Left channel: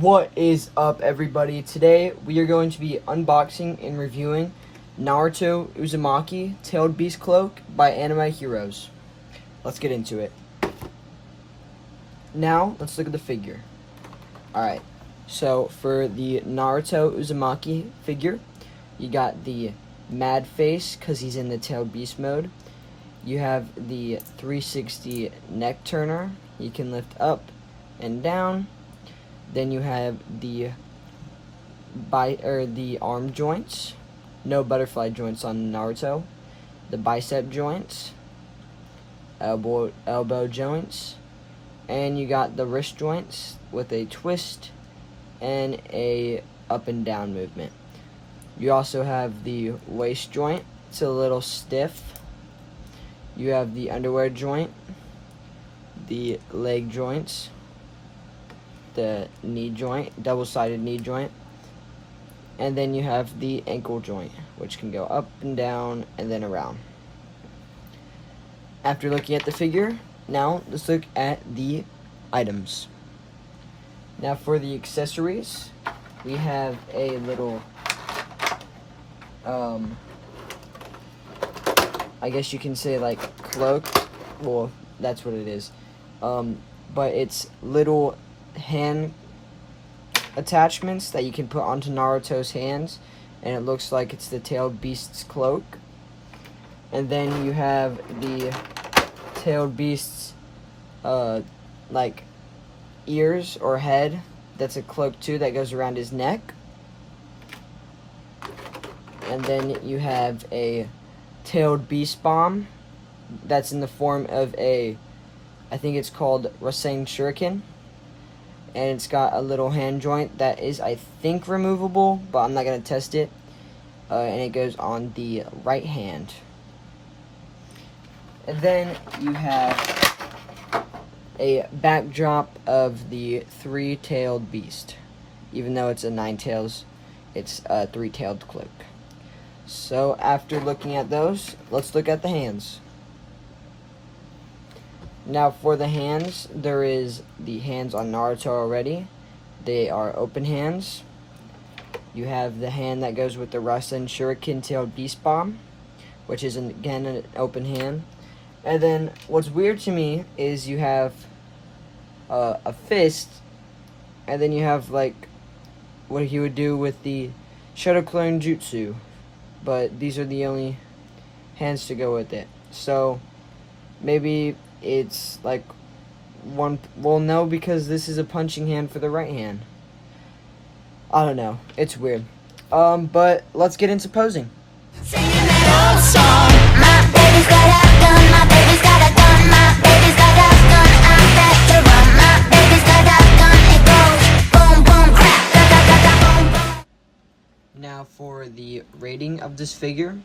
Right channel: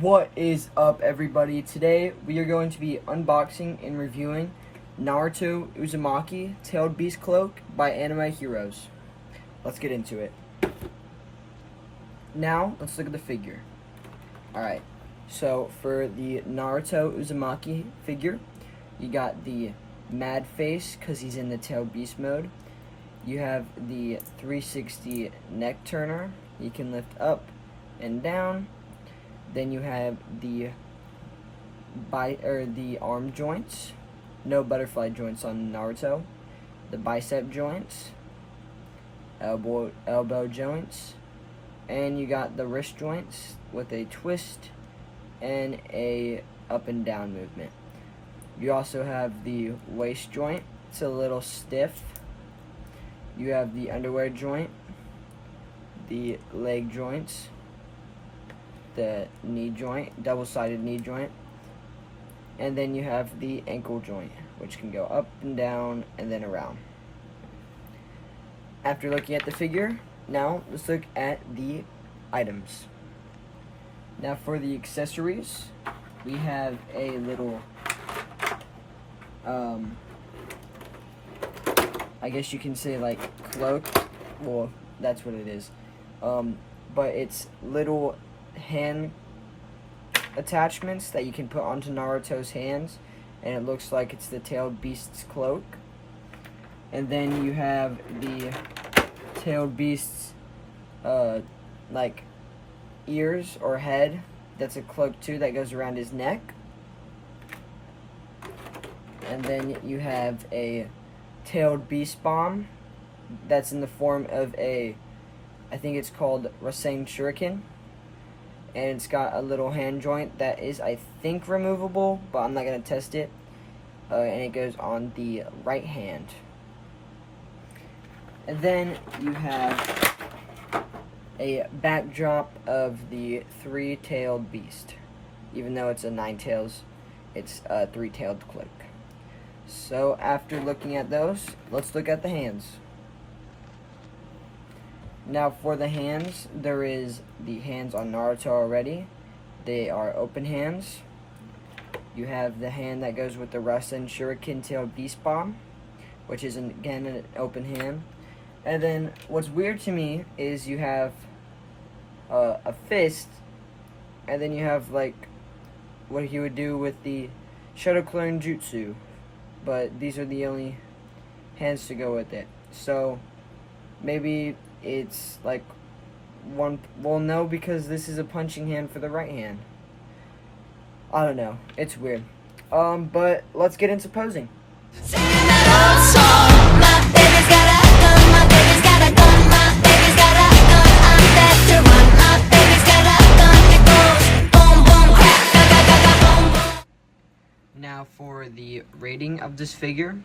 What is up, everybody? Today we are going to be unboxing and reviewing Naruto Uzumaki Tailed Beast Cloak by Anime Heroes. Let's get into it. Now, let's look at the figure. Alright, so for the Naruto Uzumaki figure, you got the mad face because he's in the Tailed Beast mode. You have the 360 neck turner. You can lift up and down. Then you have the arm joints. No butterfly joints on Naruto. The bicep joints, elbow joints, and you got the wrist joints with a twist and a up and down movement. You also have the waist joint. It's a little stiff. You have the underwear joint, the leg joints, the knee joint, double-sided knee joint, and then you have the ankle joint, which can go up and down and then around. After looking at the figure, now let's look at the items. Now for the accessories, we have a little I guess you can say like cloak. Well, that's what it is. But it's little hand attachments that you can put onto Naruto's hands, and it looks like it's the Tailed Beast's cloak. And then you have the Tailed Beast's like ears or head. That's a cloak too that goes around his neck. And then you have a Tailed Beast bomb that's in the form of a, I think it's called Rasen Shuriken, and it's got a little hand joint that is, I think, removable, but I'm not going to test it, and it goes on the right hand. And then you have a backdrop of the three-tailed beast. Even though it's a nine tails, it's a three-tailed cloak. So after looking at those, let's look at the hands. Now for the hands, there is the hands on Naruto already. They are open hands. You have the hand that goes with the Rasen Shuriken Tailed Beast Bomb, which is again an open hand. And then what's weird to me is you have a fist, and then you have like what he would do with the Shadow Clone Jutsu. But these are the only hands to go with it. So maybe it's like one, well, no, because this is a punching hand for the right hand. I don't know, it's weird. But let's get into posing. Singing that old song. My baby's got a gun, my baby's got a gun, my baby's got a gun, I'm back to run. My baby's got a gun, it goes boom, boom, crap, da, da, da, da, boom, boom. Now for the rating of this figure,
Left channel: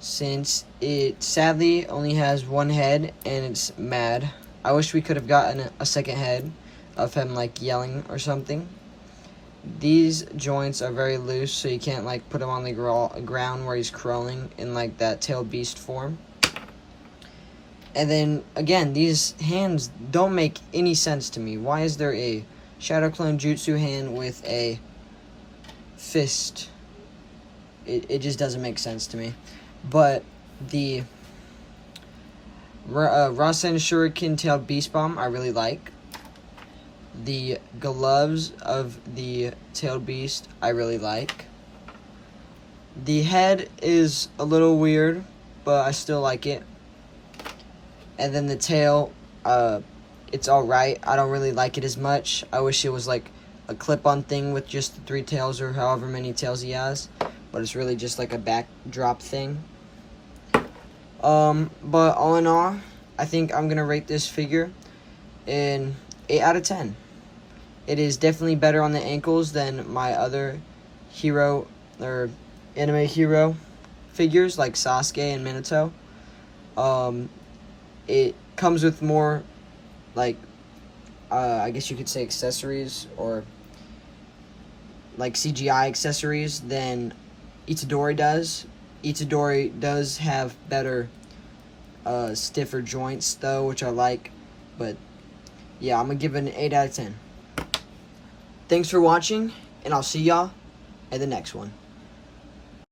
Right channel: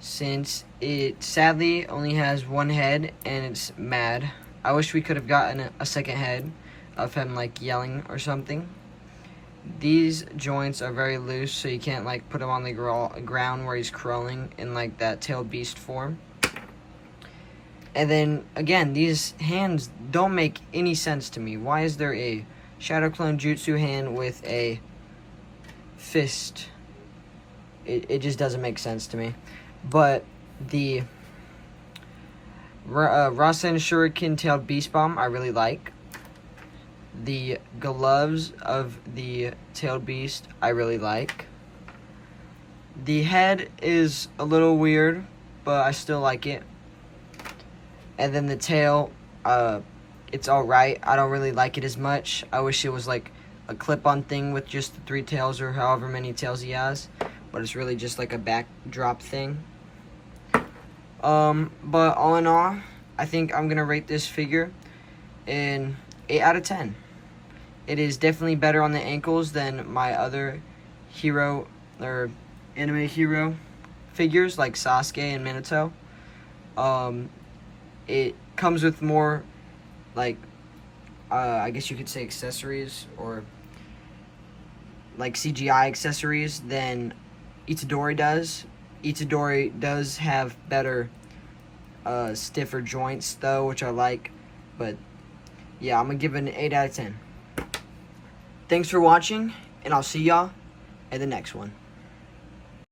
since it sadly only has one head and it's mad, I wish we could have gotten a second head of him like yelling or something. These joints are very loose, so you can't like put him on the ground where he's crawling in like that Tailed Beast form. And then again, these hands don't make any sense to me. Why is there a Shadow Clone Jutsu hand with a fist? It just doesn't make sense to me. But the Rasen Shuriken Tailed Beast Bomb I really like. The gloves of the Tailed Beast I really like. The head is a little weird, but I still like it. And then the tail, it's alright. I don't really like it as much. I wish it was like a clip-on thing with just the three tails or however many tails he has. But it's really just like a backdrop thing. But all in all, I think I'm going to rate this figure an 8 out of 10. It is definitely better on the ankles than my other hero or anime hero figures like Sasuke and Minato. It comes with more, like, I guess you could say accessories or like CGI accessories than Itadori does. Itadori does have better, stiffer joints though, which I like. But yeah, I'm gonna give it an 8 out of 10. Thanks for watching, and I'll see y'all at the next one.